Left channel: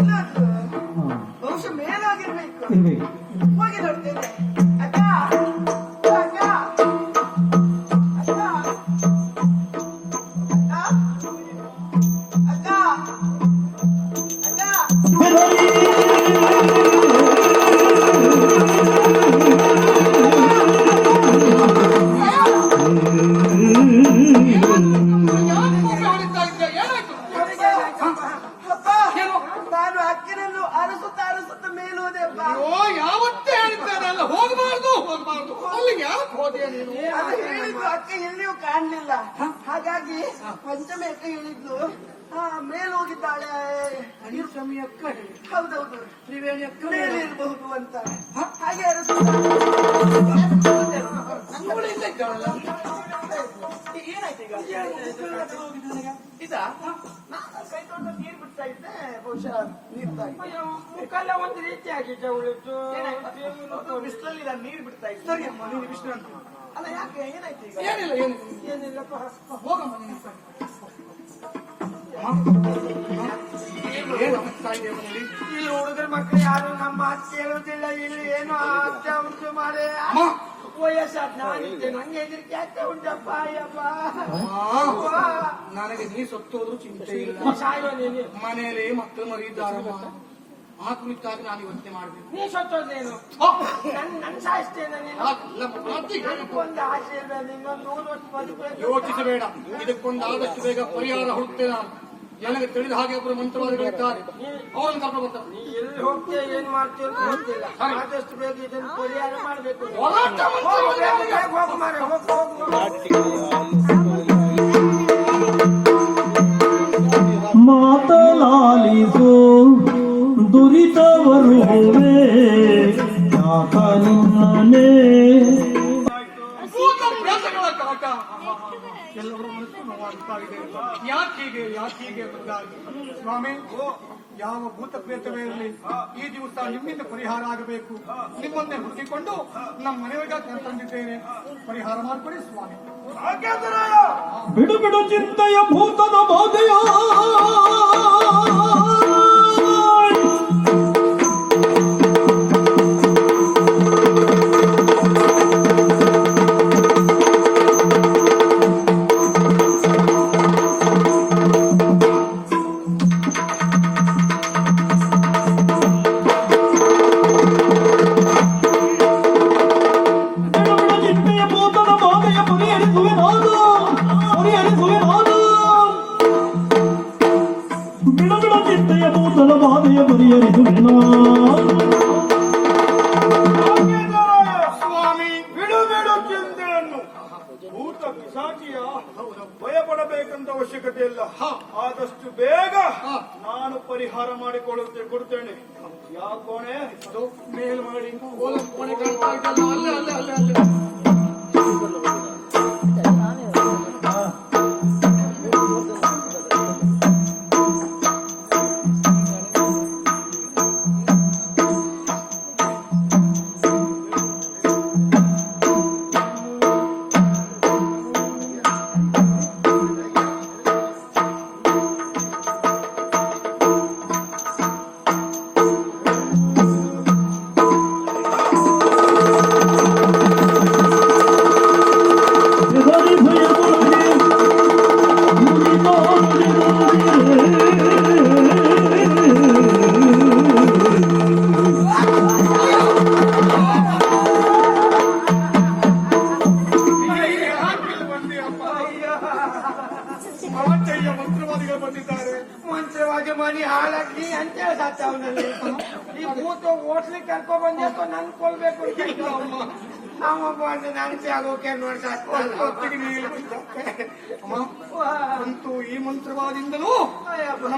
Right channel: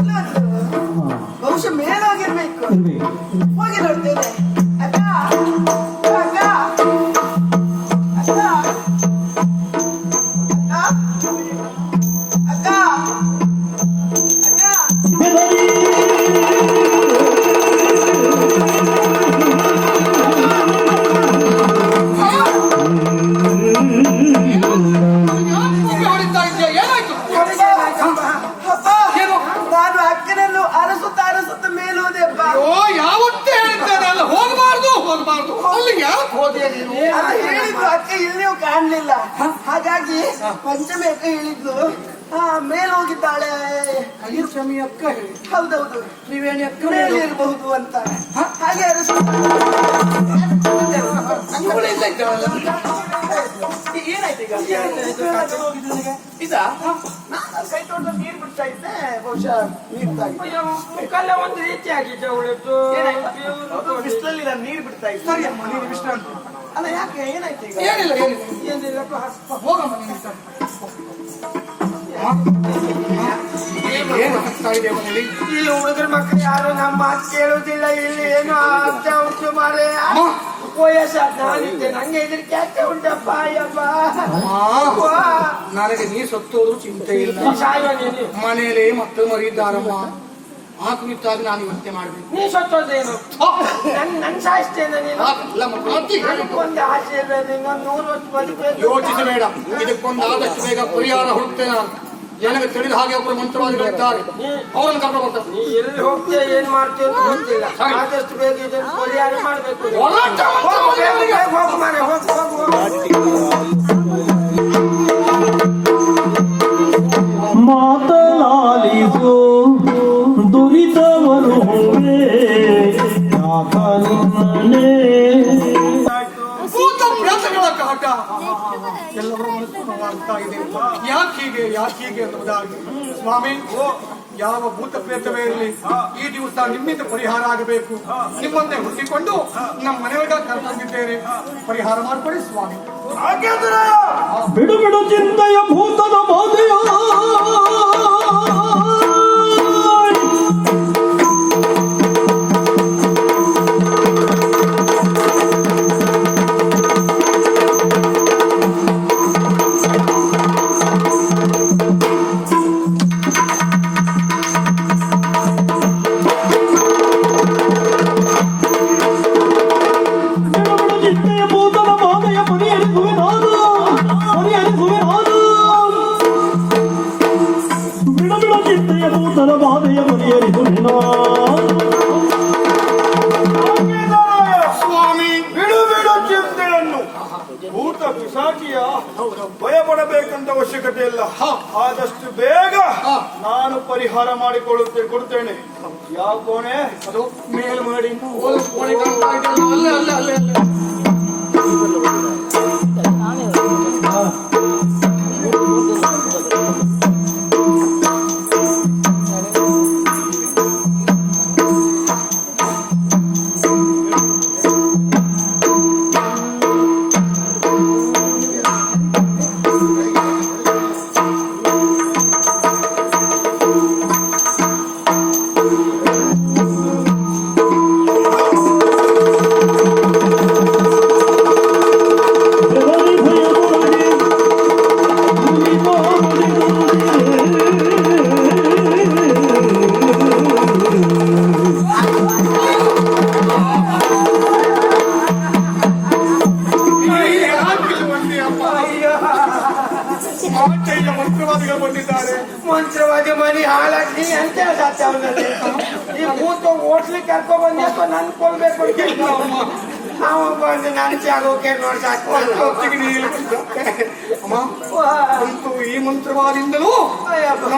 ಎಲ್ಲಾದ್ರು? ಬಹುಶಃ ಮೇಲಾಗಿರ್ಬೇಕು. ಹೋಗಿ ನೋಡ್ತೇನೆ. ಅಲ್ಲಿ ಯಾಕೆ ಹೋದೆ ನೀನು? ಹೇಳಿದ್ರು ಅಕ್ಕ ಇಲ್ಲಿಯೂ ಕಾಣ್ಲಿಲ್ಲ. ಹಾಗಾಗಿ ಪಂಚಮಿ ಅಕ್ಕ ಹೇಳಿದ್ಲು. ಮೇಲೆ ಹೋಗಿದ್ದಾಳೆ. ಪಂಚಮಿ ಅಕ್ಕ ಹೇಳಿ ಹೌದೌದು. ತ್ರಿವೇಣಿ ಅಕ್ಕ ಮೇಲೆ ಇರಬಹುದು ಅಂತ. ಹಾಗೆ ಅರಸು ಏನಾಯ್ತು ಈಗ? ಇದಾ ನಾನು ಕೈ ನೀರು ಬಿಡ್ತಾ ಇದ್ದೆ ಬಹುಶಃ ನೀರು ಮುಖಲ್ಲ ಒಂದು ರೀತಿ ಬಿಸಿಲಲ್ಲಿ ನಾನು ನೀರು ಬಿಡ್ತಾ ಇದ್ದೆ. ಸರಿ ಅಮ್ಮ. ನೀನು ವಿಶ್ರಾಂತಿ ಅಲ್ಲ ಯಾಕೆ? ಏನಾಯ್ತು ಈಗ? ಏನಿಲ್ಲ ಏನಿಲ್ಲ. ಹೋಗಮ್ಮ ನೀನು ಸರಿ. ಏನು ಆಗ್ತಾ ಇದೆ ಮನೇಲಿ? ಈ ಹುಡುಗರ ಮಕ್ಕಳು ಯಾರು ನಮ್ಮ ಮಾತು ಕೇಳುವುದಿಲ್ಲ. ಇಲ್ಲಿ ಏನು ಆಗ್ತಾ ಉಂಟು ಮಾರೆ? ಅಮ್ಮ. ವಯಸ್ಸಾದ ನಾನಿದ್ದೆ. ನಂಗೆ ಹೆದರಿಕೆ ಆಗ್ತಾ ಉಂಟಪ್ಪ ಅಯ್ಯಪ್ಪ. ನನಗೆ ನೀ ಸತ್ತೋದ್ರು ಚಿಂತೆ ಇಲ್ಲ. ಸಾಯುವ ನೀನು. ಮನೆಯಲ್ಲಿ ಮಕ್ಕಳು ಮರಿದ್ದಾರಮ್ಮ ಆ ಕುರಿತಾಗಿ ನಾನು ಇವತ್ತೆ ಮಾಡಬೇಕು. ನೀ ಸತ್ತೋದೇನು ನನ್ ನನ್ ಸಾಯಿಸ್ತೇನೆ ನೀನು? ಮಾತಿ ಒಂದು ಆಸೆ ಇದೆ. ನಿಂಗೊಂದು ನೂರು ವರ್ಷ ಬದುಕಬೇಕು. ಯೋಚಿಸಬೇಡ. ಇದಕ್ಕೊಂದು ಆದಷ್ಟು ಬೇಗ ಪರಿಹಾರ ಹುಡುಕ್ತೇನೆ ನಾನು. ನನಗೆ ತಿಳಿದ ಹಾಗೆ ಒಬ್ಬರು ಮಂತ್ರವಾದಿಗಳಿದ್ದಾರೆ ಅವರನ್ನು ಕರ್ಕೊಂಡು ಬರ್ತಾರೆ ನೀ ಎಲ್ಲಿ ಹೋಗ್ತೀಯ ಏನ್ ಮಾಡ್ತೀಯ ಅಂತ ಗೊತ್ತಿಲ್ಲ. ಆದಷ್ಟು ಬೇಗ ಇದನ್ನು ಪರಿಹಾರ ಮಾಡ್ಬೇಕು. ಹೋಗು, ಹೋಗು ಹೋಗು. ಯಾಕೆ ಎಂಬುದಾಗಿ ಸ್ವಾಮಿ ಯಾವ ಭೂತ ಪ್ರೇತವೇ ಇರಲಿ ಈ ದಿವಸ ನಿಮ್ಮಿಂದ ಪರಿಹಾರ ಆಗಬೇಕು. ನಿಮ್ಮನ್ನೇ ಹುಟ್ಟಿಕೊಂಡು ನಮ್ಮ ಮನೆಯೊಳಗ ಕರ್ತಂದಿದ್ದೇನೆ ಪರಿಹಾರ ಮಾಡಿಕೊಡಿ ಸ್ವಾಮಿ. ಬಿಡು ಬಿಡು ಚಿಂತೆಯ ಭೂತನ ಬಾಧೆಯ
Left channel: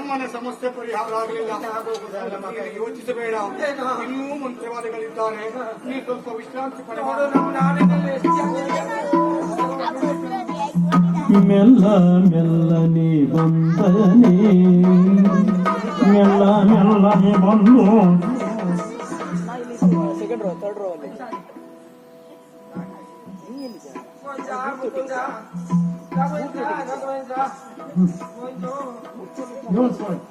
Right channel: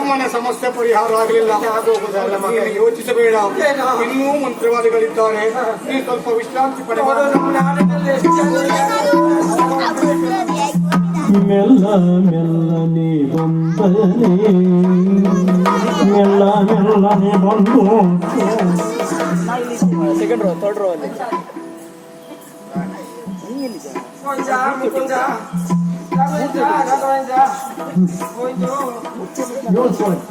ನಮ್ಮನೆ ಸಮಸ್ಯೆ ಪರಿಹಾರ ಆಗಲಿಲ್ಲ. ಯೋಚಿಸಬೇಡ. ಇನ್ನೂ ಮಂತ್ರವಾದಿಗಳಿದ್ದಾರೆ. ನೀವು ಸ್ವಲ್ಪ ವಿಶ್ರಾಂತಿ? ಮೆಲ್ಲ ಮೆಲ್ಲನೆ ಬಂದನೆ. ಮೆಲ್ಲ ಮೆಲ್ಲನೆ ಬಂದು. Your turn.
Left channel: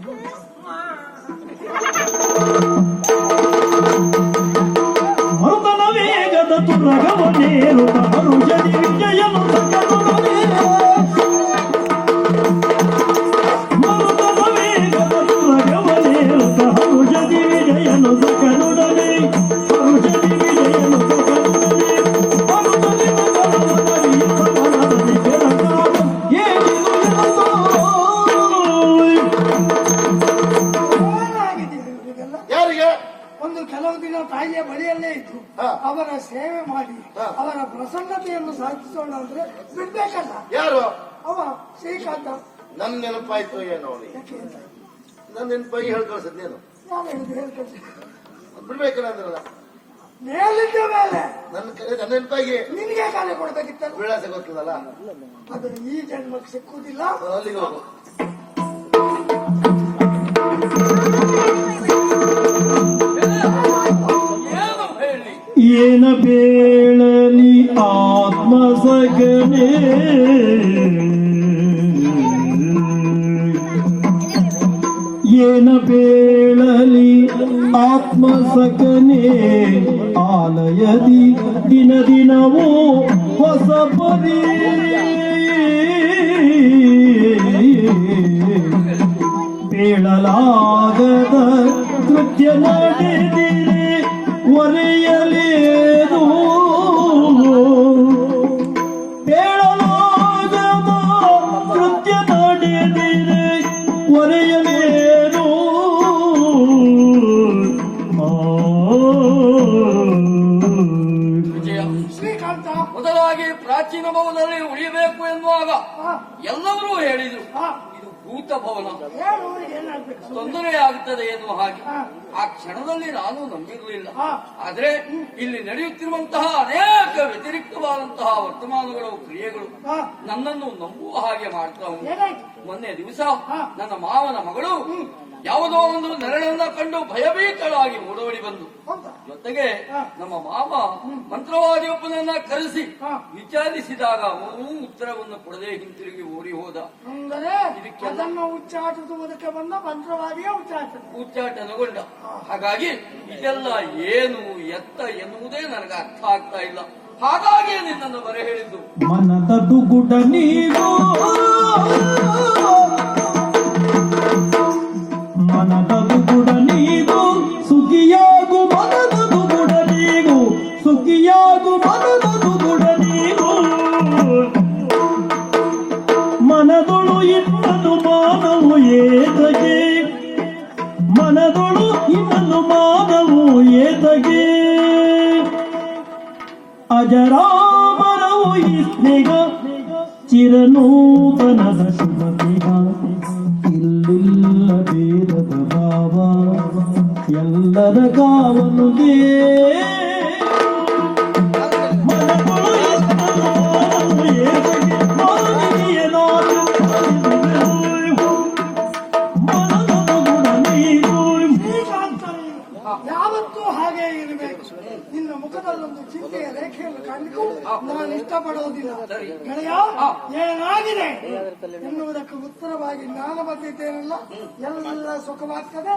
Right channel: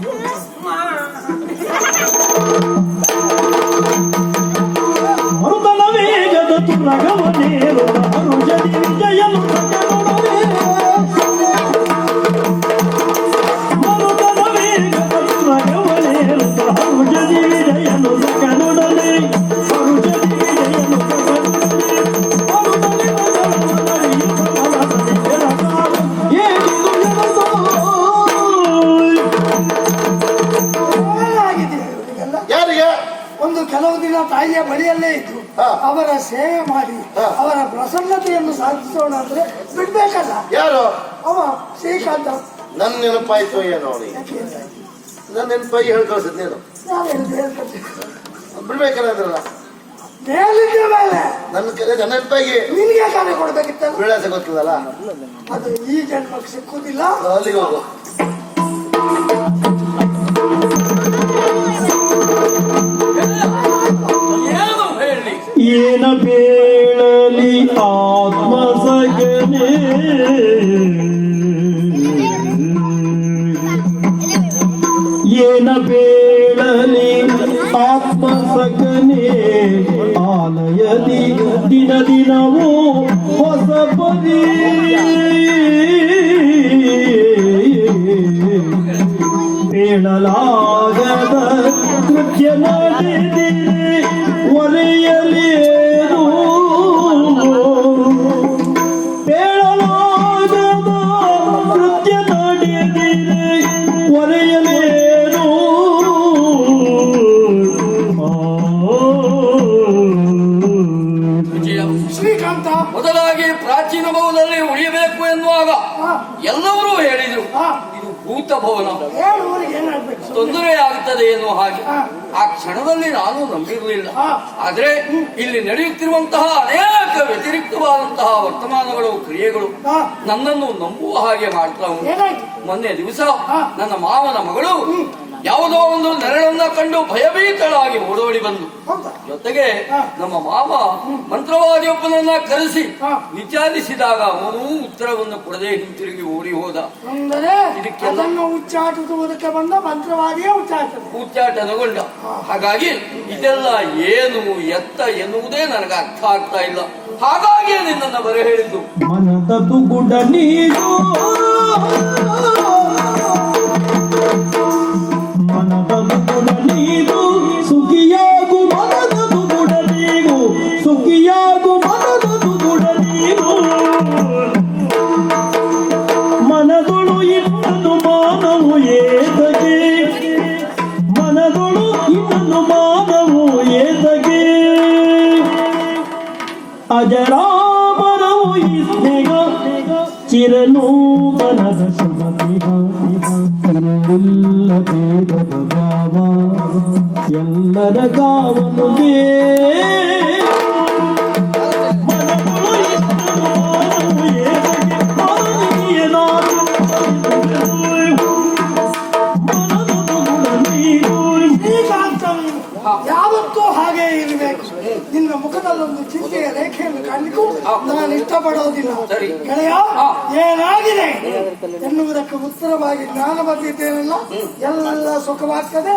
ಸೇವೆ ಮಾಡಿ ಅವರ ಪ್ರಸನ್ನತೆಯನ್ನು ಸಾಧಿಸೋಣ ಅಂದ್ರೆ ಬಿಡ್ಬೇಕಲ್ಲ. ಯಾರು? ಅವ ಶ್ರೀಕಾಂತ. ನನ್ನ ನೆನಪಾಯ್ತು ಏನೋ ಅವನಿಗೆ. ಯಾಕೆ ಅಂತ ಆಯ್ತು. ನನ್ನ ನೆನಪಾಗಿ ಹೇಳಿ ಕಳ್ಸಿದ್ ನೀನು. ನಾನು ಹೇಳಿದ್ದು ಹೇಳ್ಕೊಟ್ಟೆ. ಬಿಡ್ಬೇಕಲ್ಲ ಅಂದ್ರಲ್ಲ ಮೇಲಿದ್ದ ಮೇಲೆ. ನನ್ನ ಕೈ- ನನ್ನ ನೆನಪಾಗಿ. ನಿನಗೆ ಕಾರ್ಯ ಕೊಡ್ಬೇಕಿತ್ತಲ್ಲ? ವಿಳಾಸ ಗೊತ್ತದಲ್ಲ ಅದು ಈ ಜನ್ಮಕ್ಕೆ ಸಿಕ್ಕುದಿಲ್ಲ. ಅಲ್ಲಿಗೆ ಹೋಗು. ಬೀಳಲಿ ಆತ್ಮ ಸಗನೆ ಹಾ. ಎಲ್ಲರೂ ಹೇಳಿದ್ರು ಇದು ಭೂತ ಭವನ. ತೊಂದರೆ ಆಗುತ್ತದೆ ಎನ್ನುವ ಹಾಗೆ. ಆ ಕ್ಷಣದಲ್ಲಿ ನಾನು ನಂಬಿರಲಿಲ್ಲ. ಆದ್ರೆ ಇಲ್ಲಿ ನಡೆಯುತ್ತಿರುವಂತಹ ಅನೇಕ ವ್ಯತಿರಿಕ್ತವಾದಂತಹ ವರ್ತಮಾನಗಳು ಕ್ರಿಯೆಗಳು ನನ್ನನ್ನು ನಂಬುವ ಹಾಗೆ ಮಾಡ್ತಾ ಉಂಟು. ಮೊನ್ನೆ ದಿವಸ. ನನ್ನ ಮಾವನ ಮಗಳು ಯಾವುದೋ ಒಂದು ನೆರಳನ್ನ ಕಂಡು ಭಯಭೀತಳಾಗಿ ಓಡೋಡಿ ಬಂದು. ಜೊತೆಗೆ. ನಮ್ಮ ಮಾವ ಮಂತ್ರವಾದಿಯೊಬ್ಬನನ್ನ ಕರೆಸಿ. ವಿಚಾರಿಸಿದಾಗ ಅವನು ಉತ್ತರವನ್ನು ಕೊಡದೆ ಹಿಂತಿರುಗಿ ಓಡಿ ಹೋದ. ಇದಕ್ಕೆ ಇದಕ್ಕೆಲ್ಲ- ಅದನ್ನು ಉಚ್ಚಾಟಿಸುವುದಕ್ಕೆ ಬಂದ ಮಂತ್ರವಾದಿಯೇ ಉಚ್ಚಾಟ ಉಚ್ಚಾಟನಗೊಂಡ. ಹಾಗಾಗಿ ಇದೆಲ್ಲ ಏನು ಎತ್ತ ಎನ್ನುವುದೇ ನನಗೆ ಅರ್ಥ ಆಗ್ತಾ ಇಲ್ಲ. ಹಾಗಾಗಿ ನಿನ್ನನ್ನು ಬರ ಹೇಳಿದ್ದು ಮನದ ಉತ್ತರವಾಗಿ ನಾನು ಬಂದಿದ್ದೇನಲ್ಲ ಎಲ್ಲ ಸುಖವಾಗ್ತದೆ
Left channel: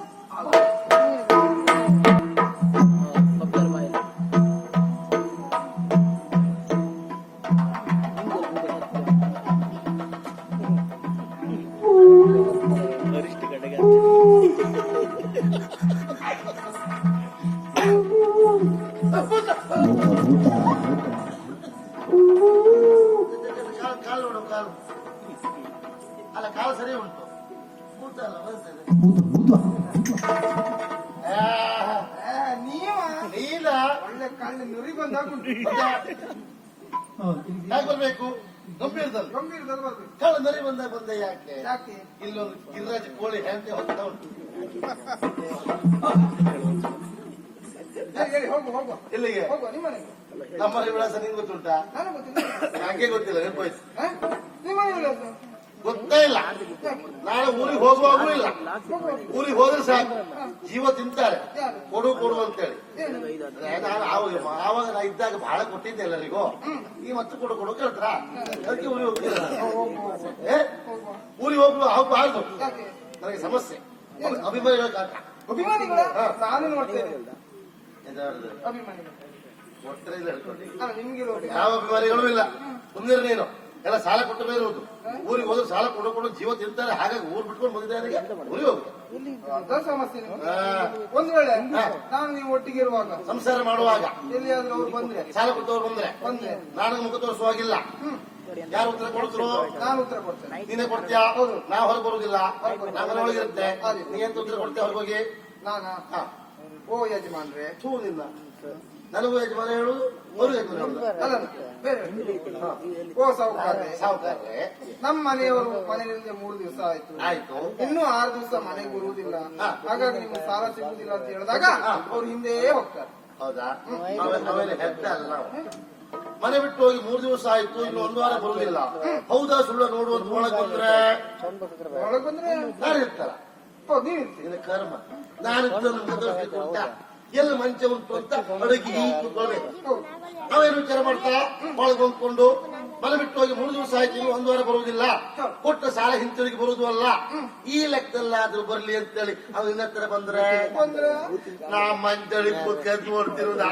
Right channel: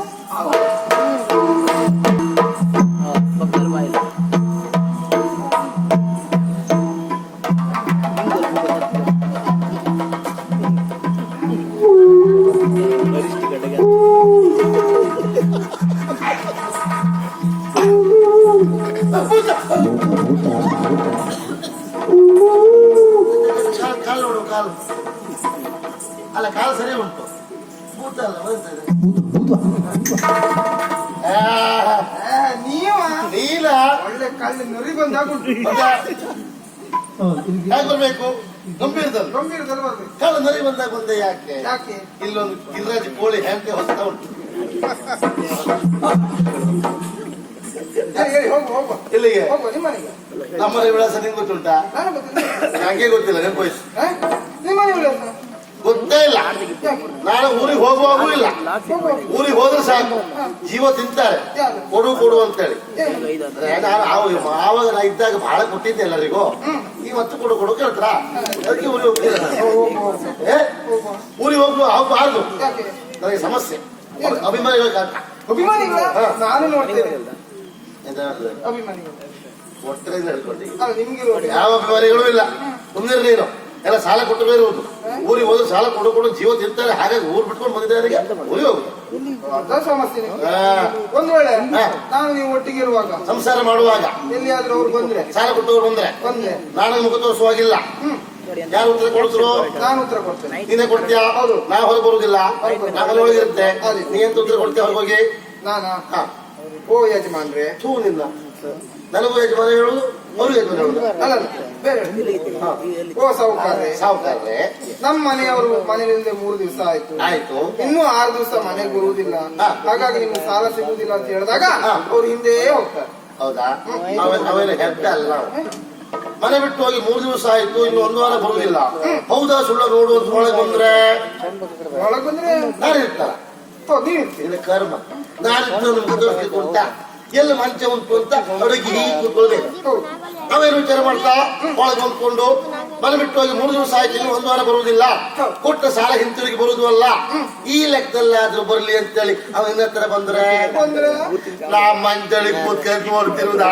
ನೀವ? ನೀಲ? ಒಳ್ಳೆ ಕಳ್ಳಿ ನುರಿ ಬಂದಾಗುಂಟು ಹೇಗೆ ಬರ್ಬೇಕು? ಗಂಭೀರದಲ್ಲಿ ಗಂಭೀರದಲ್ಲಿ ಬರ್ಬೇಕು. ಕಾಲು ನರಿ ಬಂದಾಗ ಬಂದೆ ಯಾಕೆ? ಯಾಕೆ? ಇಲ್ಲೊಂದು ಗಿರಿರಾಜ ಕೋಳಿ ಹೆಂಗೆ ಹೊಸ್ತಾ ಉಂಟು. ಹೋಗು ಹೋಗು. ಇಲ್ಲಿಗೆ ಹೋಗು ನಿಮ್ಮನೆಗೆ ನಮ್ಮನೆ ವಿಳಾಸ ನಿಂಗೆ ಗೊತ್ತುಂಟಾ? ನಾನು ಗೊತ್ತಿಲ್ಲ. ನಂಗೆ ಗೊತ್ತಿಲ್ಲ ನೆನಪೋಯ್ತು ಹ? ನಿಮ್ಮನೆ ವಿಳಾಸ ನಾನು ಊರಿಗೆ ಹೋಗುವಾಗೂ ಇಲ್ಲ. ಊರಿಗೆ ಹೋದ್ರೆ ಸಾಕು. ಜೀವ ತಿಂತಾರೆ. ಕೊಡು ಕೊಡು ಅಂತೇಳಿ. ಆವಾಗ ನಾ ಇದ್ದಾಗ ಬಹಳ ಕೊಟ್ಟಿದ್ದೆ ಎಲ್ಲರಿಗೂ. ಈ ಮತ್ತೆ ಕೊಡು ಕೊಡು ಕೇಳ್ತಾರ? ಅದಕ್ಕೆ ಊರಿಗೆ ಹೋಗ್ತಿಲ್ಲ ಏ ಊರಿಗೆ ಹೋಗುವ ಆಗಬಾರ್ದು ನನಗೆ ಸಮಸ್ಯೆ. ಅಭಿಮಾನಿಗಳ ಕಾಟ. ಅಭಿಮಾನಿಗಳ? ನಾನು ನೋಡ್ತೇನೆ. ಎಂತ ಅಭಿಮಾನಿಗಳು. ಒಟ್ಟರೆ ಯಾವ ಅಭಿಮಾನಿಗಳು ಇಲ್ಲ. ಮುಂದಿರ ನೀನು. ಎಲ್ಲ ಸಾಲ ಕೊಟ್ಟು ಇರುವುದು ಊರಿಗೆ ಹೋದ್ರೆ ಸಾಲ ಕೊಡು ಕೊಡು ಜೀವ ತಿಂತಾರೆ. ಹಾಗಾಗಿ ಊರು ಬಿಟ್ಕೊಂಡು ಬಂದಿದ್ದಾರೆ ಊರಿಗೆ ಹೋಗು ಅರ್ಧ ಸಮಸ್ಯೆ ನಿಮ್ಗೆ. ಒಂದ್ ವೇಳೆ ನಾನು ನೀವು ಒಟ್ಟಿಗೆ ಇರುವಾಗ ಸಂಸಾರ ಮಾಡುವಾಗ ಎಲ್ಲಿಯಾದ್ರೂ ಅವ್ರು ಬಂದ್ರೆ. ಸಾಲ ಕೊಟ್ಟವ್ರು ಬಂದ್ರೆ ಬಂದ್ರೆ. ನಾನು ಮುಖ ತೋರಿಸುವಾಗಿಲ್ಲ. ಯಾರು ಉತ್ತರ ಕೊಡ್ತರು? ನಾನು ಉತ್ತರ ಕೊಡ್ತೇನೆ. ನೀನೇ ಕೊಡ್ತೀಯಾ? ನಾ ಹೊರಗೆ ಬರುದಿಲ್ಲ ನಾ ಒಳಗಿರುತ್ತೆ. ನೀ ಎಂತ ಉತ್ತರ ಕೊಡ್ತೀಯ ಹೊರಗೋಗಿ ನಾನಾ? ಓ ಯಜಮಾನ್ರೆ. ಥೂ ನಿನ್ನ ನನಗೂ ಯಜಮಾನ ಹೇಳುದು ಅಲ್ಲ ಬೇರೆ ಓ ಸಾವುಕಾರ್ರೆ. ಸಾವುಕಾರ್ರೆ. ನಮ್ಮ ಮನೆಯವರು ಮನೆಯಿಂದ ಮೂರು ದಿವಸ ಆಯ್ತು. ಆಯ್ತು. ಇನ್ನೂ ಆರು ದಿವಸ ಮನೆಗೆ ಬರುವುದಿಲ್ಲ. ಹಾಗಾಗಿ ನಿಮ್ಗೆ ಸಾಲ ಸಿಗುವುದಿಲ್ಲ ಅಂತ ಹೇಳಿದಾಗ. ಅವ್ರು ಹಿಂದೆ ಹೋಗ್ತಾರೆ. ಹೌದಾ? ಅವೆಲ್ಲ ಅಲ್ಲ ಮನೆ ಬಿಟ್ಟು ಹೋಗಿ ಮೂರು ದಿವಸ ಆಯ್ತು ಇನ್ನು ಒಂದು ವಾರ ಬರುವುದಿಲ್ಲ. ಹೌದಾ ಸುಳ್ಳ ರೋಡು ಅಂತ ಒಳಗೆ ಬಂದ್ರೆ? ಒಳಗೆ ಬಂದ್ರೆ ನಾನು ಇರ್ತಾರ ಕರ್ಮ. ನಾನು ಉಂಟಾ ಎಲ್ಲಿ ಮಂಚ ಉಂಟು ಅಂತ ಅಡುಗೆ ಹೀಗೆ ಕೂತ್ಕೊಳ್ಬೇಕು. ನಾವೇನು ವಿಚಾರ ಮಾಡ್ತಾ? ಒಳಗೆ ಹೊಂದ್ಕೊಂಡು ಮನೆ ಬಿಟ್ಟು ಹೋಗಿ ಮೂರು ದಿವಸ ಆಯ್ತು ಒಂದು ವಾರ ಬರುವುದಿಲ್ಲ. ಕೊಟ್ಟ ಸಾಲ ಹಿಂತಿರುಗಿ ಬರುವುದು ಅಲ್ಲ. ಈ ಲೆಕ್ಕದಲ್ಲಿ ಆದ್ರೂ ಬರ್ಲಿ ಅಂತೇಳಿ ಅವ ಇನ್ನ ಹತ್ರ ಬಂದ್ರೆ? ನಾ ಮಂಚಳಿ ಕೂತ್ಕೊಂಡು ನೋಡ್ತಿರುವುದಾ?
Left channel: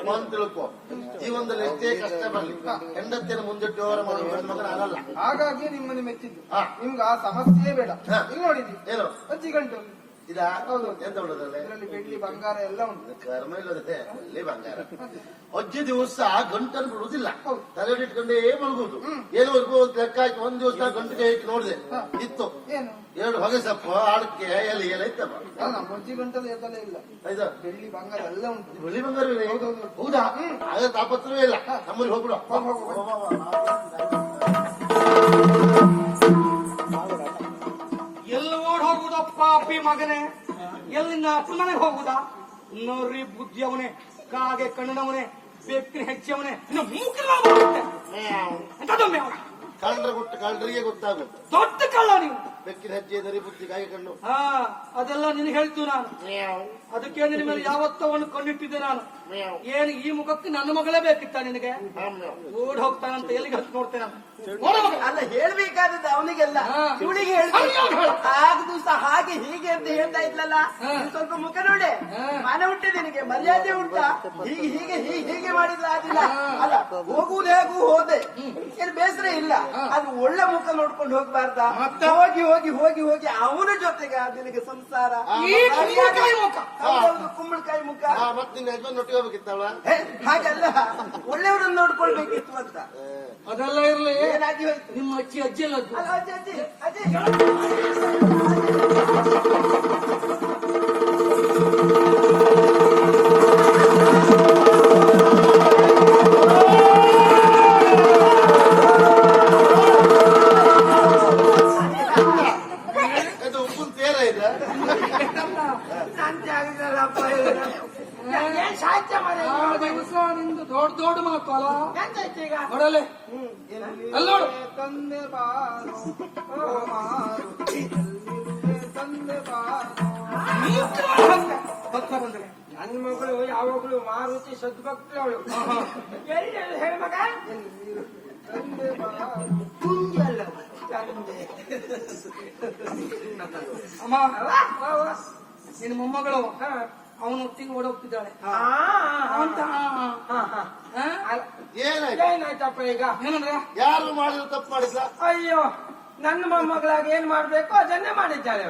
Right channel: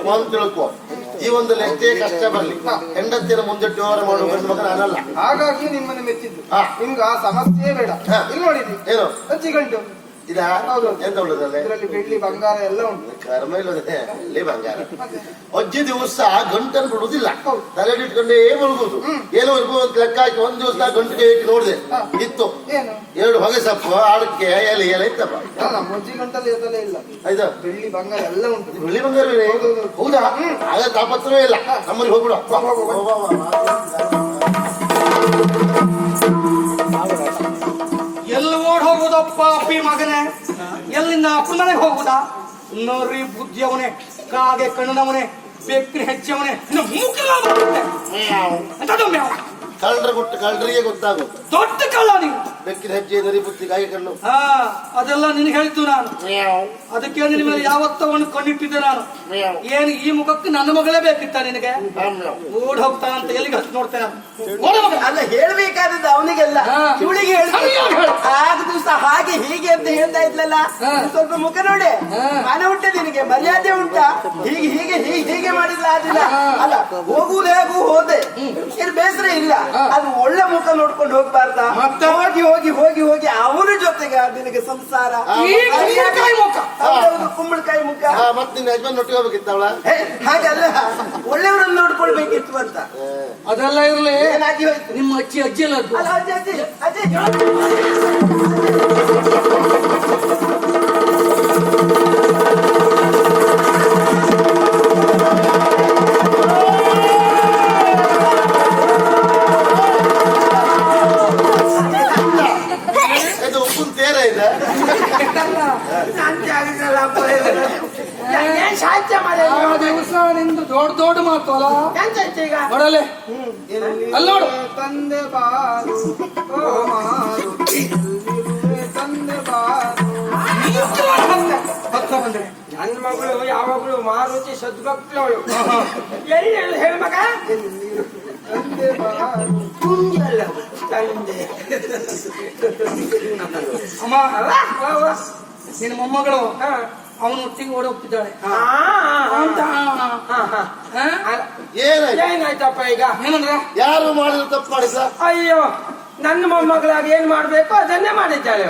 ಈ ಒಂದು ತಿಳ್ಕೊ ಜೀವನದಲ್ಲಿ ಎಷ್ಟೇ ಕಷ್ಟ ಬರ್ಲಿ. ಹೆಂಡತಿನ ಮುಂದಿಟ್ಟು ವ್ಯವಹಾರ ಮಾಡುವ ಗಂಡು ಮಗ ನಾನಲ್ಲ. ಹಾಗಾಗಿ ನಿಮ್ಮನ್ನು ಮೆಚ್ಚಿದ್ದು. ನಿಮ್ಗೆ ಆ ಸಮಸ್ಯೆ ಬೇಡ. ಇಲ್ಲಿ ನೋಡಿದ್ವಿ. ಏನು? ಅಜ್ಜಿ ಗಂಟು. ಇದಾ ಹೌದು. ಎಂತ ಉಳಿದಲ್ಲೇ ಇದರಲ್ಲಿ ಬೆಳ್ಳಿ ಬಂಗಾರ ಎಲ್ಲ ಉಂಟು. ಕರ್ಮ ಇಲ್ಲದೆ ಅಲ್ಲಿ ಬಂಗಾರ. ಅಜ್ಜಿ ದಿವಸ ಗಂಟನ್ನು ಬಿಡುವುದಿಲ್ಲ ಹೌದು. ತಲೆ ಇಟ್ಕೊಂಡೇ ಮಲಗುದು ಒಂದು ಅಂತ ಲೆಕ್ಕ ಹಾಕಿ ಒಂದ್ ದಿವಸ ಗಂಟಿಗೆ ಇಟ್ಟು ನೋಡಿದೆ. ಇತ್ತು. ಏನು? ಎರಡು ಹೊಗೆ ಸೊಪ್ಪು ಅಡಕೆ ಎಲೆ ಎಲೆ ಇತ್ತಪ್ಪ. ಅಲ್ಲ, ನಮ್ಮ ಅಜ್ಜಿ ಗಂಟಲ್ಲಿ ಇಲ್ಲ. ಆಯ್ತಾ? ಬೆಳ್ಳಿ ಬಂಗಾರ ಎಲ್ಲ ಉಂಟು. ಬೆಳ್ಳಿ ಬಂಗಾರವೇ ಹೌದಾ ಆಗ ತಾಪತ್ರವೇ ಇಲ್ಲ. ನಮ್ಮಲ್ಲಿ ಹೋಗ್ಬಿಡ ಮಗನೇ? ಎಲ್ಲಿಂದ ಅಪ್ಪನ ಮನೆಗೆ ಹೋಗುದಾ? ನೋಡ್ರಿ ಬುದ್ಧಿ ಅವನೇ ಕಾಗೆ ಕಣ್ಣನವನೇ ಬೆಕ್ಕಿನ ಹೆಚ್ಚವನೇ ಇನ್ನು ಮೂಕಿಲ್ಲ ಬರುತ್ತೆ ಮ್ಯಾವ್? ಕಳ್ಳರ ಕೊಟ್ಟು ಕಳ್ಳರಿಗೆ ಗೊತ್ತಾಗುತ್ತೆ ದೊಡ್ಡ ಕಳ್ಳ ನೀವು ಬೆಕ್ಕಿದ ಹೆಜ್ಜೆ ದರಿ ಬುತ್ತಿ ಕಾಯಿ ಕಲ್ಲು ಹಾ ಅದೆಲ್ಲ ನಿನಗೆ ಹೇಳ್ತು ನಾನು. ಅದಕ್ಕೆ ನಿನ್ನ ಮೇಲೆ ಯಾವತ್ತವನ್ನು ಕಣ್ಣಿಟ್ಟಿದ್ದೆ ನಾನು. ಏನು ಈ ಮುಖಕ್ಕೆ ನನ್ನ ಮಗಳೇ ಬೇಕಿತ್ತ ನಿನಗೆ? ಓಡ್ ಹೋಗ್ತಾನಂತ ಎಲ್ಲಿಗೆ ಹತ್ತು ನೋಡ್ತೇನೆ ನೋಡ ಮಗ ಅಲ್ಲ ಹೇಳ್ಬೇಕಾದದ್ದು ಅವನಿಗೆಲ್ಲ. ಇವಳಿಗೆ. ಆಗ ದಿವಸ ಹಾಗೆ ಹೀಗೆ ಅಂತ ಹೇಳ್ತಾ ಇದ್ಲಲ್ಲ ಸ್ವಲ್ಪ ಮುಖ ನೋಡಿ. ಮನೆ ಉಂಟೆ ನಿನಗೆ ಮರ್ಯಾದೆ ಉಂಟಾ? ಹೀಗೆ ಹೀಗೆ ಹೀಗೆ ಹೀಗೆ ಮಾಡಿಲ್ಲ ಅದಿಲ್ಲ ಅಲ್ಲ ಹೋಗುವುದು ಹೇಗೂ ಹೋದೆ. ಏನು ಬೇಸರ ಇಲ್ಲ. ಅದು ಒಳ್ಳೆ ಮುಖ ನೋಡ್ಕೊಂಡು ಹೋಗ್ಬಾರ್ದ? ಹೋಗಿ ಹೋಗಿ ಹೋಗಿ ಹೋಗಿ ಅವನ ಜೊತೆಗೆ ನಿನಗೆ ಸಂಸಾರ. ಕುಂಬಳಕಾಯಿ ಮುಖ. ಹಾಗಲ್ಲ. ಒಳ್ಳೆಯವರನ್ನು ನೋಡ್ಕೊಳ್ಬೇಕಿತ್ತು ಅಂತ. ಅದೆಲ್ಲ ಇರ್ಲಿ. ಏನಾಗಿ ಹೋಯ್ತು? ನಿಮ್ಮ ಅಜ್ಜಿ ಅಜ್ಜಿ. ಅಲ್ಲ ಅಜ್ಜಿ ಅಜ್ಜಿ ಅಜ್ಜಿ ತಂದೆ ಬಾರು ಓ ಮಾರುತಿ, ಎಲ್ಲಿರುವೆ ತಂದೆ ಬಾರು ಬಂದ್ರೆ. ನನ್ನ ಮಗಳು ಯಾವಾಗಲೂ ಮಾರುತಿ ಸದ್ಭಕ್ತವಳು. ಎಲ್ಲಿ ತಂದೆ ಬಾರು ತುಂಜಲ್ಲ ತಂದೆ. ಅಮ್ಮ ಅಲ್ಲ? ವಾ, ವಾ. ನಿನ್ನ ಮೊಮ್ಮಗಳು. ಹಾ. ಅವನು ಒಟ್ಟಿಗೆ ಓಡಿ ಹೋಗ್ತಿದ್ದಾಳೆ. ಆ, ಆ, ಅಂತ ಆ, ಆ, ಆ. ಹಾ? ಅಲ್ಲ, ಏನಾಯ್ತು? ಏನಾಯ್ತಪ್ಪ ಈಗ? ಏನಂದ್ರ? ಯಾರು ಮಾಡಿದ್ರು ತಪ್ಪು ಮಾಡಿದ ಅಯ್ಯೋ ನನ್ನ ಮೊಮ್ಮಗಳಾಗಿ ಏನ್ ಮಾಡ್ಬೇಕು? ಅದನ್ನೇ ಮಾಡಿದ್ದಾಳೆ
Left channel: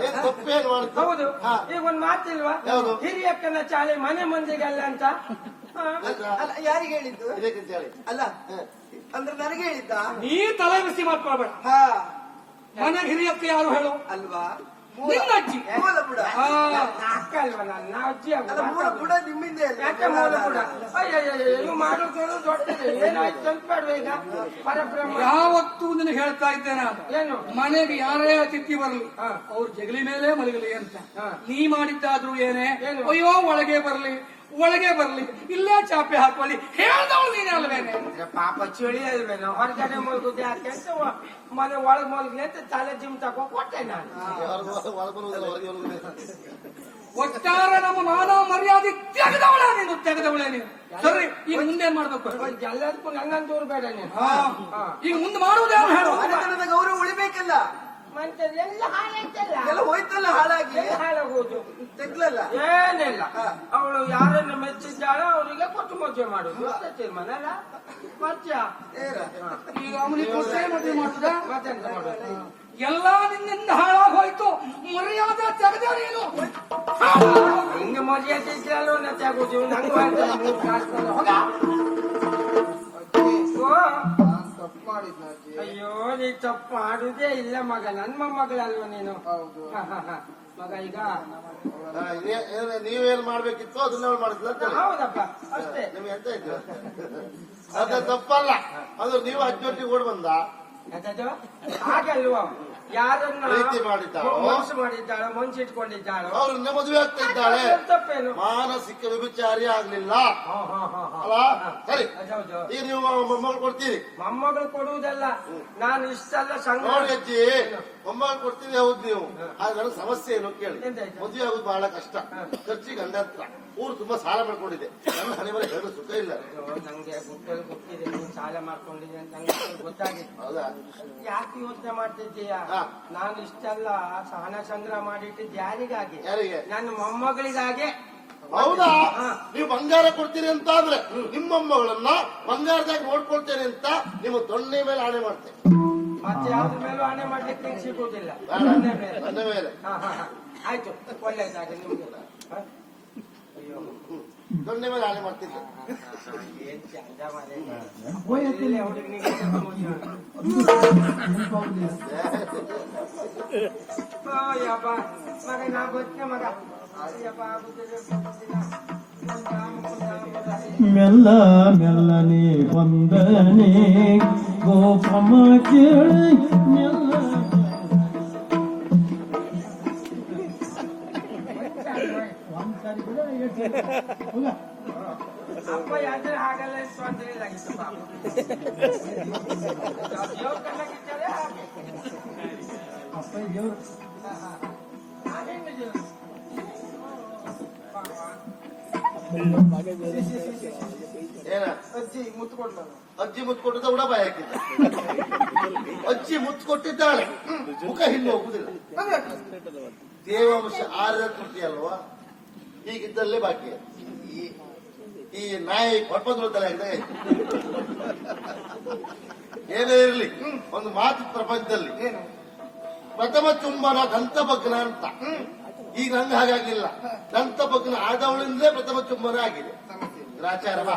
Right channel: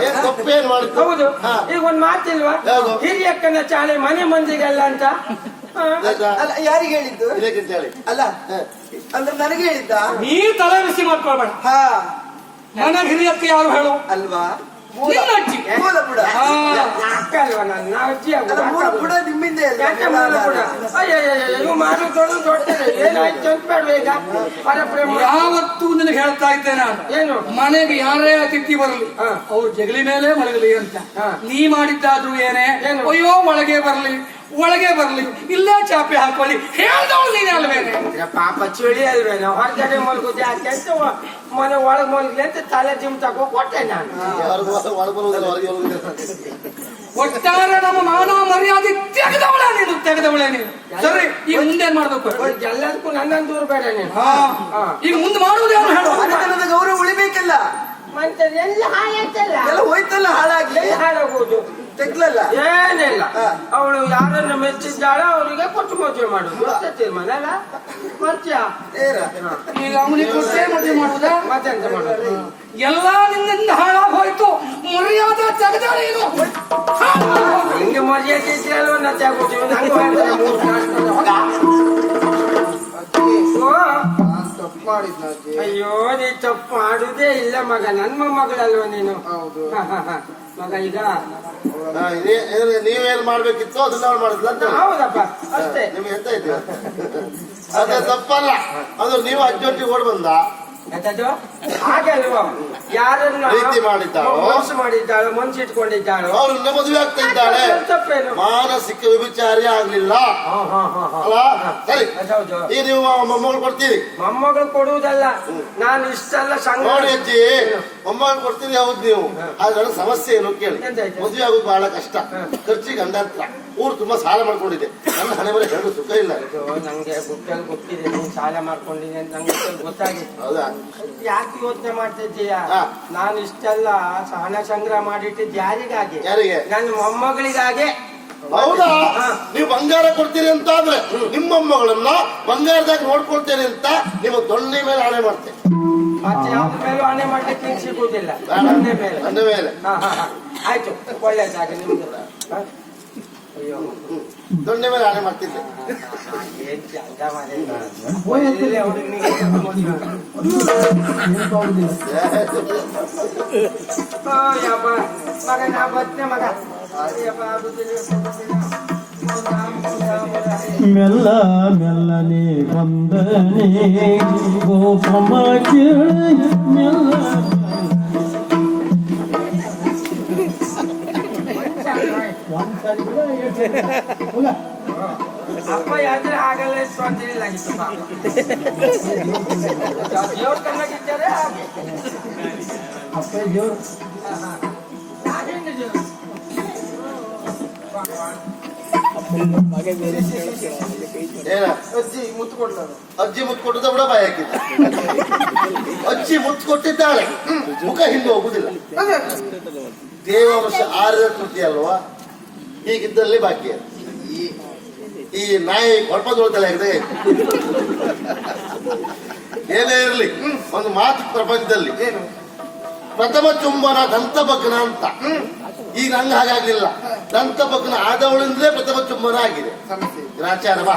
ಹೌದು. ಈಗ ಒಂದ್ ಮಾತಿಲ್ವಾ? ಹಿರಿಯಕ್ಕನ ಚಾಳೆ ಮನೆ ಮಂದಿಗೆಲ್ಲ ಅಂತ. ಅಲ್ಲ ಯಾರಿಗೆ ಹೇಳಿದ್ದು? ಅಲ್ಲ ಅಂದ್ರೆ ನನಗೆ ಹೇಳಿದ್ದ? ನೀ ತಲೆ ಬಿಸಿ ಮಾಡ್ಕೊಳ್ಬೇಡ. ಹಾ. ಮನೆ ಹಿರಿಯಕ್ಕೆ ಯಾರು ಹೇಳು? ಅಲ್ವಾ? ನಿನ್ನ ಅಜ್ಜಿ. ಮೂಲ ಬುಡ. ಹಾ. ಅಕ್ಕ ಅಲ್ವಾ ನನ್ನ ಅಜ್ಜಿ ಅಲ್ವಾ? ಅಲ್ಲ ಮೂಲ ಬುಡ ನಿಮ್ಮಿಂದ ಯಾಕೆ ಮೂಲ ಕೂಡ ಅಯ್ಯಯ್ಯಯ್ಯ, ಇವು ಮಾಡು ದೊಡ್ಡ ದೊಡ್ಡದು. ಏನಾಯ್ತು ಅಂತ ಬೇಡ ಈಗ? ಪರಪ್ರೇಮ. ಯಾವತ್ತೂ ನಿನಗೆ ಹೇಳ್ತಾ ಇದ್ದೆ ನಾನು. ಏನು? ಮನೆಗೆ ಯಾರೇ ಅತಿಥಿ ಬರಲಿ ಹಾ. ಅವ್ರು ಜಗಲಿ ಮೇಲೆ ಮಲಗಲಿ ಅಂತ. ಹಾ. ನೀ ಮಾಡಿದ್ದಾದ್ರೂ ಏನೇ? ಏನು? ಅಯ್ಯೋ ಒಳಗೆ ಬರ್ಲಿ. ಒಳಗೆ ಬರ್ಲಿ ಇಲ್ಲೇ ಚಾಪೆ ಹಾಕೊಳ್ಳಿ. ಹೇಳ್ದವಳು ನೀನೆ ಅಲ್ವೇನೆ? ಪಾಪ ಚಳಿ ಅಲ್ವೇನೆ ಹೊರಗಡೆ ಮಲ್ಗುದು ಯಾಕೆ? ಅಂತ ಒ- ಮನೆ ಒಳಗ್ ಮಲ್ಗ್ಲಿ ಅಂತ ತಲೆ ಜಿಮ್ ತಗೋ ಕೊಟ್ಟೆ ನಾನು. ಒಟ್ಟಾರೆ ನಮ್ಮ ಮಾನವ ಮರ್ಯಾದೆ ತೆಗೆದವಳೆ ನೀನು ತೆಗೆದವಳೆ ನೀನು. ಸರಿ ಈಗ ಮುಂದೆ ಏನ್ ಮಾಡ್ಬೇಕು ಎಲ್ಲದಕ್ಕೂ ನನ್ನನ್ನು ದೂರ ಬೇಡ ನೀನು. ಹಾ. ಹಾ. ಈಗ ಮುಂದೆ ಮಾಡುವುದೇನು ಹೇಳು ಗೌರವ ಉಳಿಬೇಕಲ್ಲ. ಮತ್ತೆ ಎಲ್ಲ ಹಾಳಾಯ್ತಲ್ಲ ಎಲ್ಲ ಹೋಯ್ತಲ್ಲ ಹಾಳಾಗಿ. ಹಾಳಾಗೋದು. ತೆಗ್ಲಲ್ಲ? ಏನಿಲ್ಲ. ಅವಳು ಯಾರನ್ನ ಮೆಚ್ಚಿದ್ದಾಳೋ ಅವರಿಗೆ ಕೊಟ್ಟು ಮದುವೆ ಮಾಡುದು ಮತ್ತೆ ತೀರ್ಮಾನ ಅಲ್ಲ? ಮರ್ತ್ಯ? ಏರ. ಈಗ ಅವನಿಗೆ ಕೊಟ್ಟೆ ಮದುವೆ ಮಾಡುವುದಾ? ಮತ್ತೆಂತ ಮಾಡೋದು ಎಲ್ಲ ನಿನ್ನಿಂದ ಹಾಳಾಗಿ ಹೋಯ್ತು ಮರ್ಯಾದೆ ತೆಗೆದಾಳೆ ಇದು ಹಿಂಗೆ ಮರ್ಯಾದೆ ಇದ್ರೆ ಅಲ್ವಾ ನತ್ತೆ ಆಗೋದು ನಂಗೂ ಮಾಡಿದ್ನ ಅಜ್ಜಿ ಅಯ್ಯೋ ನೀ ತಪ್ಪು. ಮಾಡುದೇ ಇಲ್ಲ ಮಗ. ನನ್ನ ಮಗಳಲ್ವ ನೀನು? ಹೌದು. ಮಗ ಈಗ ಹಾ, ಇದೇ- ಏನ್- ನೀವೇನ್ ಮಾಡ್ಬೇಕಿತ್ತು ಅದನ್ನ ಅವ್ರು ಮಾಡಿದ್ಲ ಅಂತ? ಹೌದಪ್ಪ ಅಷ್ಟೇ. ನಿಮ್ಗೆ ಎಂತ ಅದ ತಪ್ಪಲ್ಲ. ಅದು ನೀವು ಅಜ್ಜೊಟ್ಟಿಗೆ ಓಡ್ ಬಂದ. ಆಯ್ತದು ಹಾಗೆ ಅಲ್ವಾ ಯಾರನ್ನ ಪ್ರೀತಿ ಮಾಡಿದ್ದಾಳೋ? ಮನಸ್ಸು ಮಾಡಿದ್ದಾಳೋ ಮನ್ಸು ಇಟ್ಕೊಂಡಿದ್ದಾಳೆ ಅವ್ರನ್ನ ಮದುವೆ ಆಗ್ತಾ ಇದ್ದಾಳೆ. ತಪ್ಪೇನು? ಮಾನಸಿಕ ವಿಭಿಚಾರಿ ಆಗ್ಲಿಲ್ಲ. ಹಾ ಹಾ ಹಾ ಹಾ. ಅಲ್ಲ ಸರಿ. ಅದೌದು ಈಗ ನೀವು ಮೊಮ್ಮಗಳು ಕೊಡ್ತೀರಿ? ಮೊಮ್ಮಗಳು ಕೊಡುವುದಲ್ಲ. ನಾನು ಇಷ್ಟೆಲ್ಲ ಸಂಘ ನೋಡಿ ಅಜ್ಜಿ ಮೊಮ್ಮಗಳು ಕೊಡ್ತೀರಿ ಹೌದು ನೀವು. ಆದ್ರೆ ಸಮಸ್ಯೆ ಏನು ಕೇಳಿ. ಎಂತಾಯ್ತು? ಮದುವೆ ಆಗೋದು ಬಹಳ ಕಷ್ಟ. ಖರ್ಚಿಗೆ ಅಂದರ್ಥ ಊರು ತುಂಬಾ ಸಾಲ ಮಾಡ್ಕೊಂಡಿದೆ. ನನ್ನ ಹಣೆ ಸುಖ ಇಲ್ಲ. ನಂಗೆ ಗುಟ್ಟಲ್ಲಿ ಗೊತ್ತಿದೆ ನೀನ್ ಸಾಲ ಮಾಡ್ಕೊಂಡಿದೆ ಅಂತ ನಂಗೆ ಗೊತ್ತಾಗಿತ್ತು. ಹೌದಾ? ಯಾಕೆ ಯೋಚನೆ ಮಾಡ್ತಿದ್ದೀಯ. ನಾನು ಇಷ್ಟೆಲ್ಲ ಹಣ ಸಂಗ್ರಹ ಮಾಡಿಟ್ಟಿದ್ದು ಯಾರಿಗಾಗಿ? ಯಾರಿಗೆ? ನನ್ನ ಮೊಮ್ಮಗಳಿಗಾಗೆ. ಹೌದಾ. ನೀವು ಬಂಗಾರ ಕೊಡ್ತೀರಿ ಅಂತ ಆದ್ರೆ ನಿಮ್ಮ ಮೊಮ್ಮಗಳನ್ನ ಬಂಗಾರದಾಗ ನೋಡ್ಕೊಳ್ತೇನೆ ಅಂತ ನಿಮ್ಮ ದೊಣ್ಣೆ ಮೇಲೆ ಆಣೆ ಮಾಡ್ತೇನೆ. ಮತ್ತೆ ಯಾವ್ದ್ರ ಮೇಲೂ ಆಣೆ ಮಾಡ್ಲಿಕ್ಕೆ ನಿಂಗೆ ಸಿಗುವುದಿಲ್ಲ ಬೇಡ. ಮೇಲೆ. ನನ್ನ ಮೇಲೆ. ಆಯ್ತು ಒಳ್ಳೆ ಜಾಗ ಹಾ? ಅಯ್ಯೋ ದೊಣ್ಣೆ ಮೇಲೆ ಆಣೆ ಮಾಡ್ತಿದ್ದೆ ಏನ್ ಚಂದ ಮಾರ್ರೆ. ಒಳ್ಳೆ ಹುಡುಗನಿಗೆ ಕೊಟ್ಟು ಮದುವೆ. ಓ ಯಪ್ಪ ಮಗ ನಾ ಬರ್ತೇನೆ ಮಗ ಅಯ್ಯಪ್ಪ ಆಗುದಿಲ್ಲ. ಮೆಲ್ಲ ಮೆಲ್ಲನೆ ಬಂದನೆ ಗೋಪಮ ಕೇಳಿ ಮೆಲ್ಲ ಅಪ್ಪ ಯಾದ್ರೆ ಆಗಲ್ಲ ಇತ್ತು ಅಂತ ಹೇಳಿಲ್ಲಾಗಿತ್ತು ಪಾಪ ದೇವ್ರ ಕಣ್ಣಾಗಿದ್ದಾರೆ ಹಾಗೆ ನಾನೇನು ದೇವ್ರು? ಏನ ಅಜ್ಜಿ ಮುತ್ಕೊಂಡ್ಲ ಅಜ್ಜಿ ಮುತ್ತು ಕೊಟ್ಟದ ಕೂಡ ಬಾಯಿ ಹಾಕಿದ್ದ ಅಜ್ಜಿ ಮುತ್ತು ಕೊಟ್ಟಿದ್ದಾಳೆ ಮುಖ ಹಿಂದೆ ಹೋಗುದಿಲ್ಲ. ದೇವಾಂಶ ಆರದ ಕೃತಿ ಅಲ್ವಾ? ಹೀಗಿದ್ದಲ್ಲಿ ಬಾಕಿ. ಈ ಈ ನಾಯಿ ಇದೆ ಏನೇ ಇರಲಿ, ಒಂದು ಮಾತು ಪ್ರಪಂಚದಲ್ಲಿ. ಪ್ರಥಮ ಚುಂಬನ ದಂತಭಗ್ನ ಅಂತ. ಈಗ ನಂಗೆ ಹಾಗಾಗ್ಲಿಲ್ಲ. ದಂತಭಗ್ನ ಆದವಳಿಂದಲೇ ಪ್ರಥಮ ಚುಂಬನ ಆಗಿದೆ. ಗ್ರಾಚಾರ ಬಾ.